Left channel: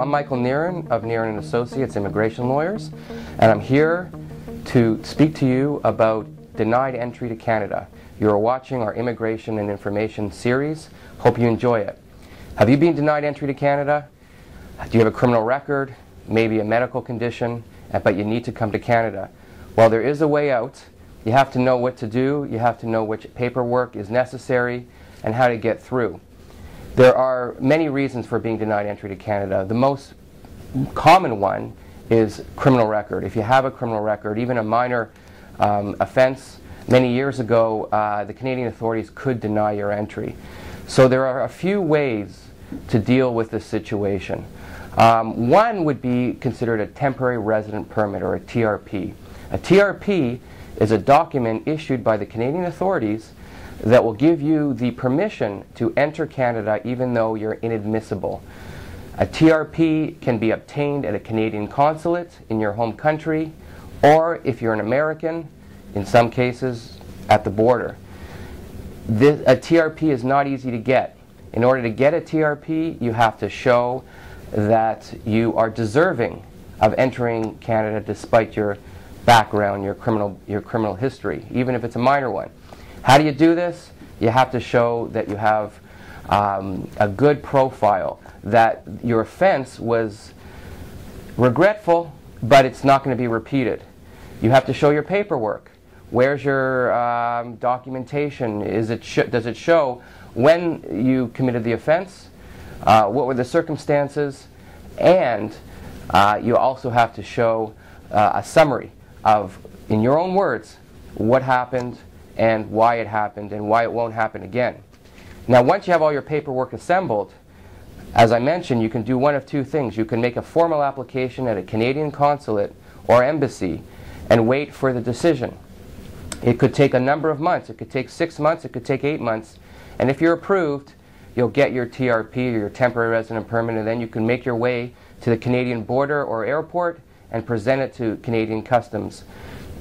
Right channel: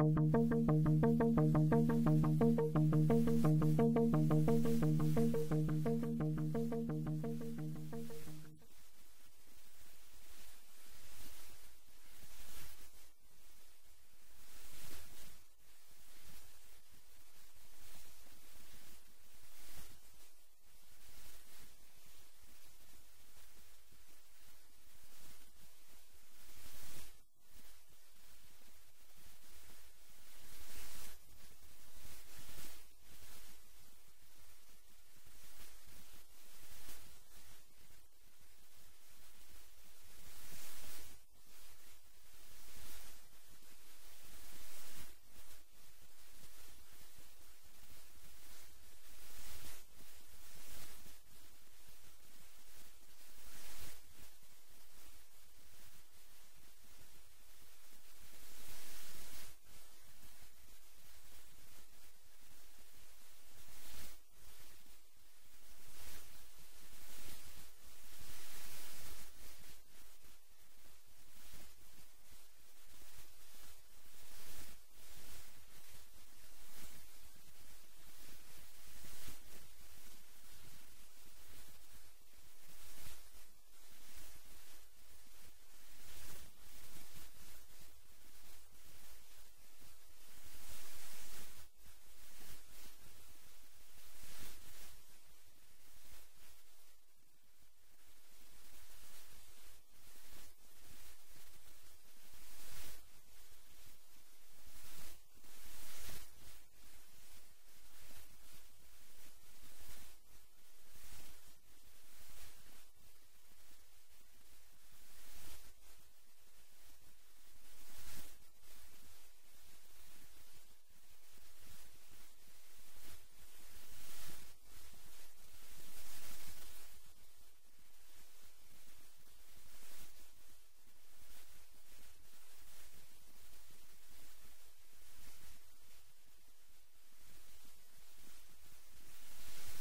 I'm Michael Niren of Niren Associates Immigration Lawyers, and I'm here to speak to you about denied entry to Canada. You're watching our Immigration and Information series. Hope you enjoy it. Have you been denied entry to Canada? Do you have a criminal record, maybe a medical condition, but you need to come to Canada? Well, there is a way out. You have to know what to do, you have to know which paperwork is necessary, and how to get through. There are many reasons for being denied entry to Canada. The most common one is criminal record. If you have a criminal record, even a minor offense, many years ago, the Canadian authorities could deny your entry. So there are a few ways to deal with this situation. One would be considered a temporary resident permit, or a TRP. A TRP is a document issued by the Canadian authorities that will give you the permission to enter Canada even though you're inadmissible. A TRP can be obtained at a Canadian consulate in your home country, or if you're an American, in some cases, at the border. A TRP is not easy to get. In order to get a TRP, you have to show that you are deserving of entering Canada despite your background, your criminal history, even if it's a minor one. How do you do this? You have to show that you have a good profile, that your offense was regretful, but it's not going to be repeated. You have to show your paperwork. Where's your documentation? Does it show when you committed the offense? What were the circumstances? And you also have to show a summary of, in your own words, what happened and why it happened and why it won't happen again. Now, once you have all your paperwork assembled, as I mentioned, you can do one of two things. You can make a formal application at a Canadian consulate or embassy and wait for the decision. It could take a number of months. It could take 6 months. It could take 8 months. And if you're approved, you'll get your TRP, or your temporary resident permit, and then you can make your way to the Canadian border or airport and present it to Canadian Customs.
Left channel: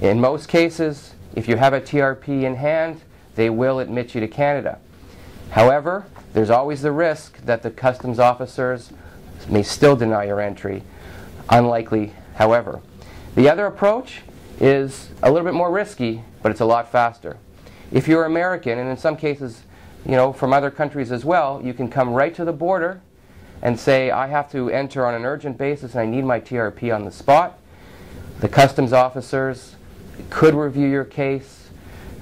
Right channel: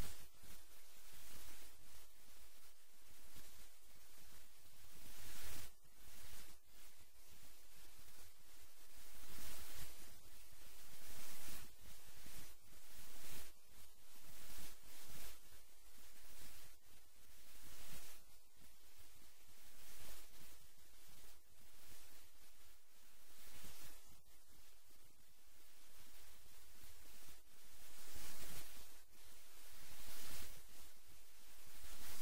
In most cases, if you have a TRP in hand, they will admit you to Canada. However, there's always the risk that the customs officers may still deny your entry. Unlikely, however. The other approach is a little bit more risky, but it's a lot faster. If you're American, and in some cases, you know, from other countries as well, you can come right to the border and say, I have to enter on an urgent basis and I need my TRP on the spot. The customs officers could review your case.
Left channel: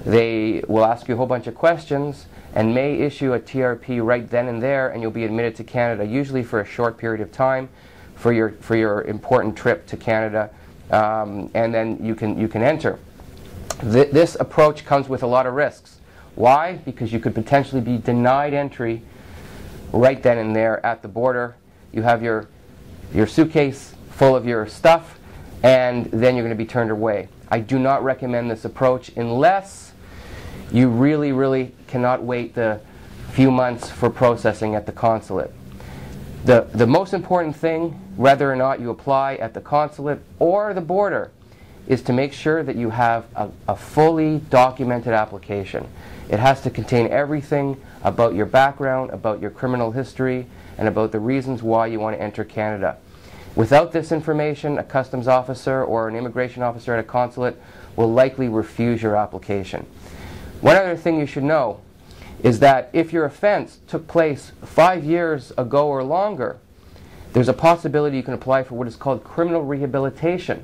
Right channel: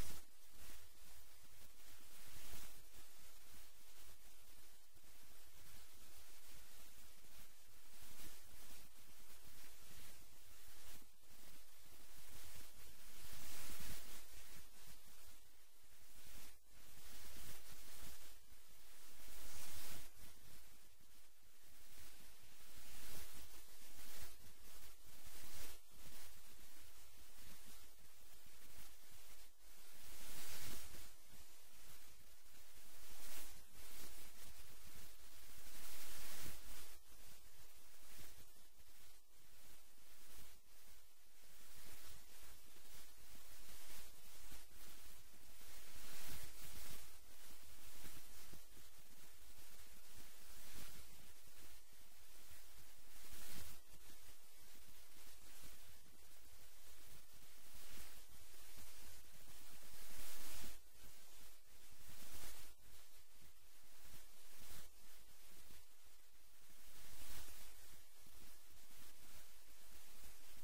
They will ask you a whole bunch of questions and may issue a TRP right then and there, and you'll be admitted to Canada, usually for a short period of time for your important trip to Canada, and then you can enter. This approach comes with a lot of risks. Why? Because you could potentially be denied entry right then and there at the border. You have your suitcase full of your stuff, and then you're going to be turned away. I do not recommend this approach unless you really, really cannot wait the few months for processing at the consulate. The most important thing, whether or not you apply at the consulate or the border, is to make sure that you have a fully documented application. It has to contain everything about your background, about your criminal history, and about the reasons why you want to enter Canada. Without this information, a customs officer or an immigration officer at a consulate will likely refuse your application. One other thing you should know is that if your offense took place 5 years ago or longer, there's a possibility you can apply for what is called criminal rehabilitation.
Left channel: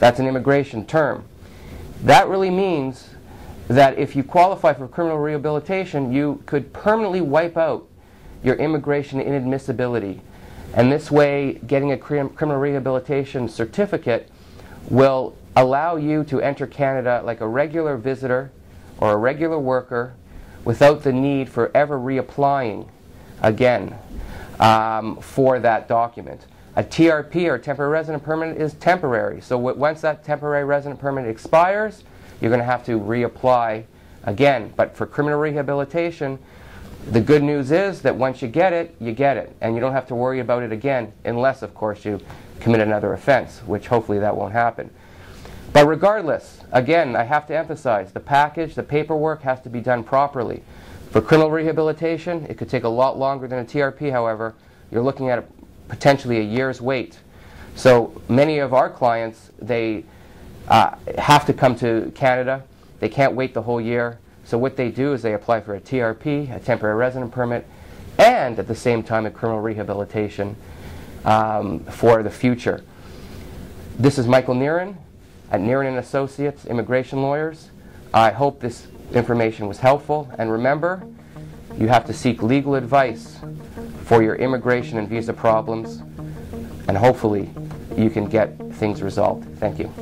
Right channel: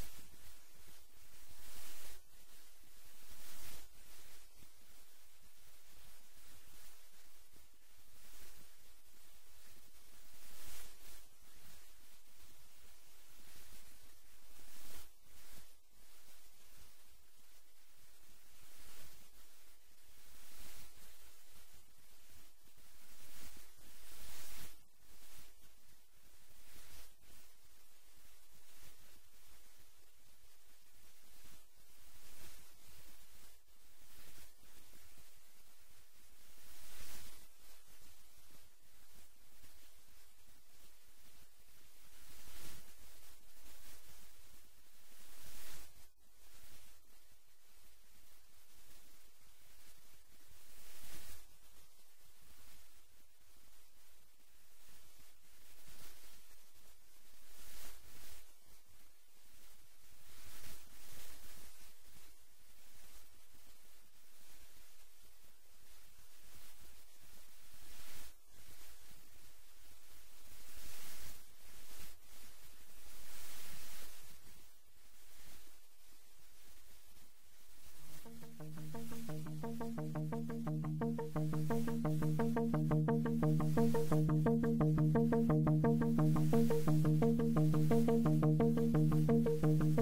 That's an immigration term. That really means that if you qualify for criminal rehabilitation, you could permanently wipe out your immigration inadmissibility. And this way, getting a criminal rehabilitation certificate will allow you to enter Canada like a regular visitor or a regular worker without the need for ever reapplying again for that document. A TRP, or temporary resident permit, is temporary. So once that temporary resident permit expires, you're going to have to reapply again. But for criminal rehabilitation, the good news is that once you get it, and you don't have to worry about it again, unless, of course, you commit another offense, which hopefully that won't happen. But regardless, again, I have to emphasize, the package, the paperwork has to be done properly. For criminal rehabilitation, it could take a lot longer than a TRP, however. You're looking at potentially a year's wait. So many of our clients, they have to come to Canada. They can't wait the whole year. So what they do is they apply for a TRP, a temporary resident permit, and at the same time a criminal rehabilitation for the future. This is Michael Niren at Niren Associates, immigration lawyers. I hope this information was helpful, and remember, you have to seek legal advice for your immigration and visa problems, and hopefully you can get things resolved. Thank you.